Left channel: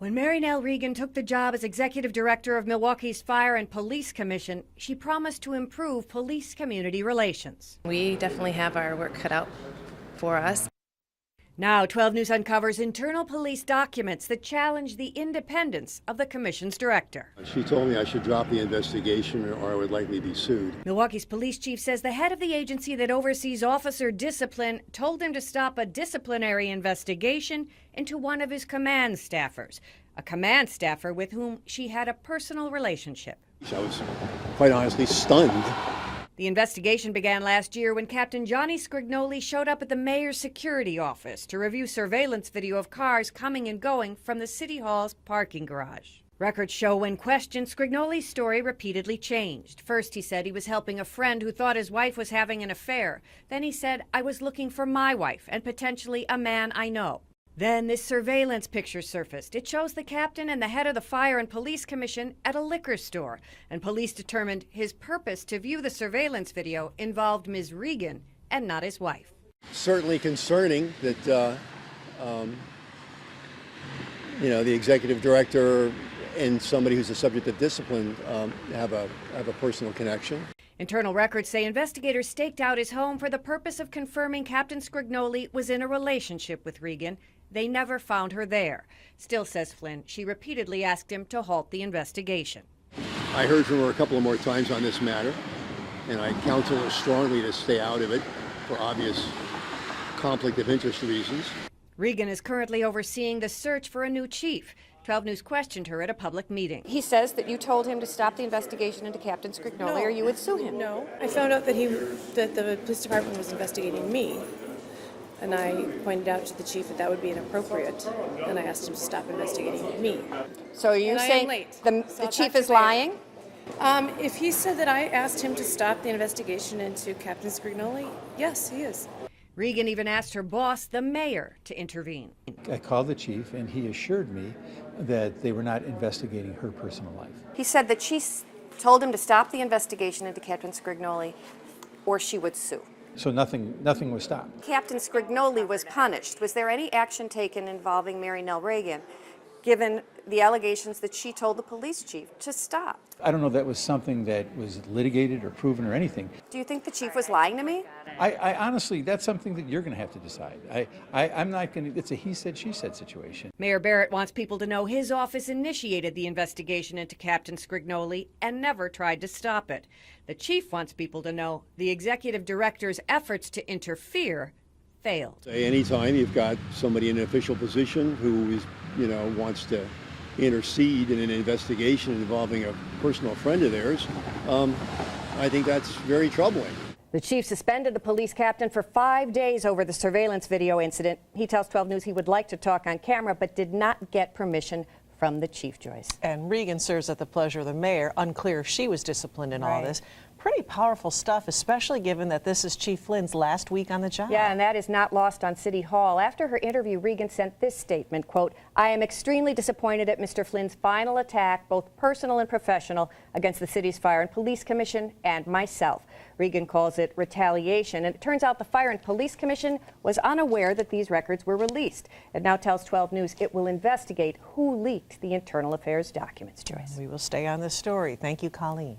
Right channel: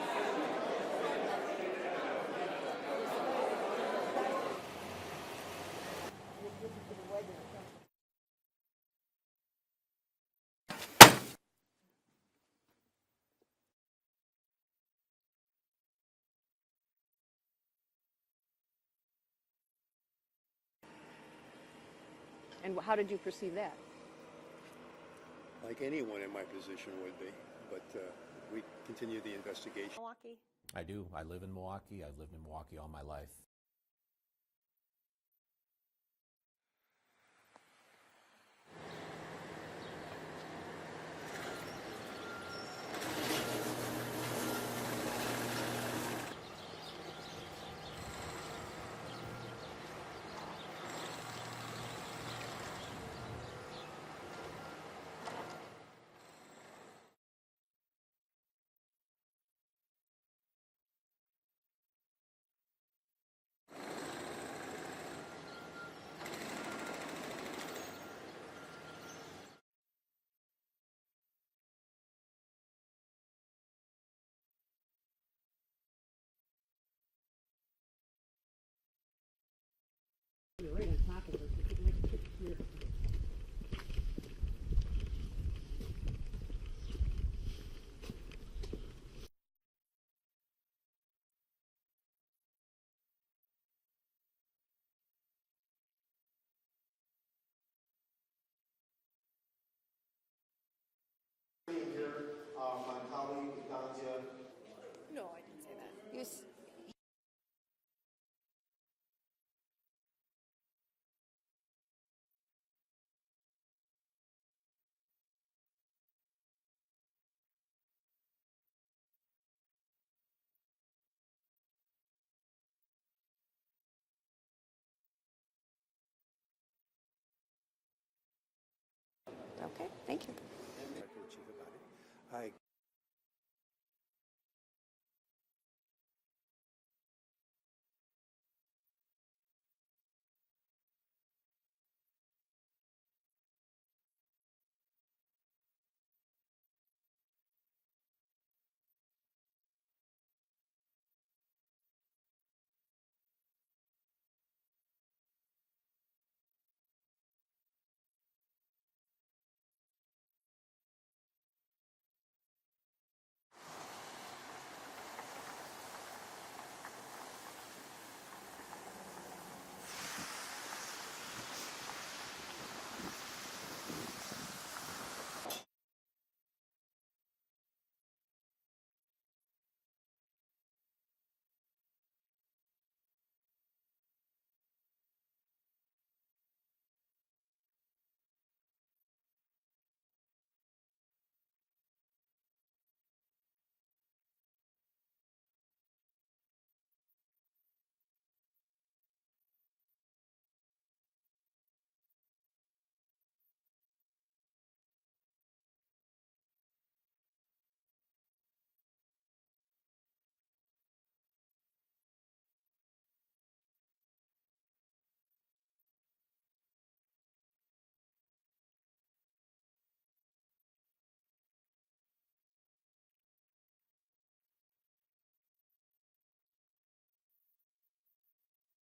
When Mary Nell Regan took the job as executive director of Milwaukee's Fire and Police Commission, she promised to improve police-community relations. We definitely have our work cut out for us. Now, 12 News uncovers internal police documents that challenge the independence of the commission's director. She told me I should drop the investigation or I would likely be sued. Milwaukee's police chief says the head of the agency that oversees officer discipline told him to stop a disciplinary investigation into one of his command staffers, a command staffer with whom she had a personal relationship. I was quite honestly stunned. The investigation began last year when Captain Johnny Scrignoli showed up at the mayor's security office to review surveillance video of cars coming and going from the City Hall's parking garage. Records show when questioned, Scrignoli's story repeatedly changed. First, he said he was helping a friend who thought his wife was having an affair. Then he said, I was looking for my wife and potentially a man I know. Then this surveillance picture surfaced. It shows the captain and the head of the Fire and Police Commission at a liquor store, and police determined his purpose to view the surveillance video involved Ms. Regan and not his wife. Certainly concerning that, the executive director and somebody who's the subject of discipline have a personal connection. Internal records say investigators staked out his home for the purpose of confirming Captain Scrignoli was in a relationship with Regan. They never found her there. Still, says Flynn, she repeatedly asked him to halt the investigation. I heard from her a couple of more times on this matter, and I counsel her strongly to stay out of it for obvious conflict of interest reasons. Regan is currently overseeing the search for a new chief. 12 News questioned her at a public meeting. He says that you told him to stop the investigation into Captain Scrignoli or you would sue him. No, I found out that the police department was investigating me. And I pointed out to the chief that would be inappropriate, and I asked him to stop investigating me. So are you saying the chief is lying? If he said that I asked him to stop the investigation into Captain Scrignoli, yes, he is. Regan even asked her boss, the mayor, to intervene. I called the chief, and he assured me that they were not investigating her personal life. He said that she told him to stop the investigation into Captain Scrignoli or she would sue. So nothing was stopped. Captain Scrignoli was punished. Was there any action taken involving Mary Nell Regan, given the allegations that she told the police chief to stop? I don't know if that was something that was litigated or proven or anything. Do you think the chief was lying to me? I honestly, that's something that you're going to have to decide. I'm not going to, it's a he said, she said situation. Mayor Barrett wants people to know his office initiated the investigation into Captain Scrignoli and never tried to stop it. The chief wants people to know the executive director's efforts to interfere failed. Anytime you've got somebody in an official position who is, wants to intercede in an investigation involving a personal friend of theirs, I think that's very troubling. The chief suspended the police captain for 5 days over the surveillance video incident. He tells 12 News he would like to talk on camera, but did not get permission from the chief, Joyce. And Regan serves at the pleasure of the mayor. Unclear if she was disciplined in all this. Pretty powerful stuff, especially given that this is Chief Flynn's last week on the job. Yeah, and that is not lost on City Hall. After her interview, Regan sent this statement, quote, I am extremely disappointed at Mr. Flynn's final attack, both personal and professional, against the city's Fire and Police Commission and myself. Regan calls it retaliation, and it turns out the Fire and Police Commission was unaware that these records were released. It now tells 12 News it will investigate who leaked the internal affairs documents, Joyce. We will stay on this story. Thank you, Colleen.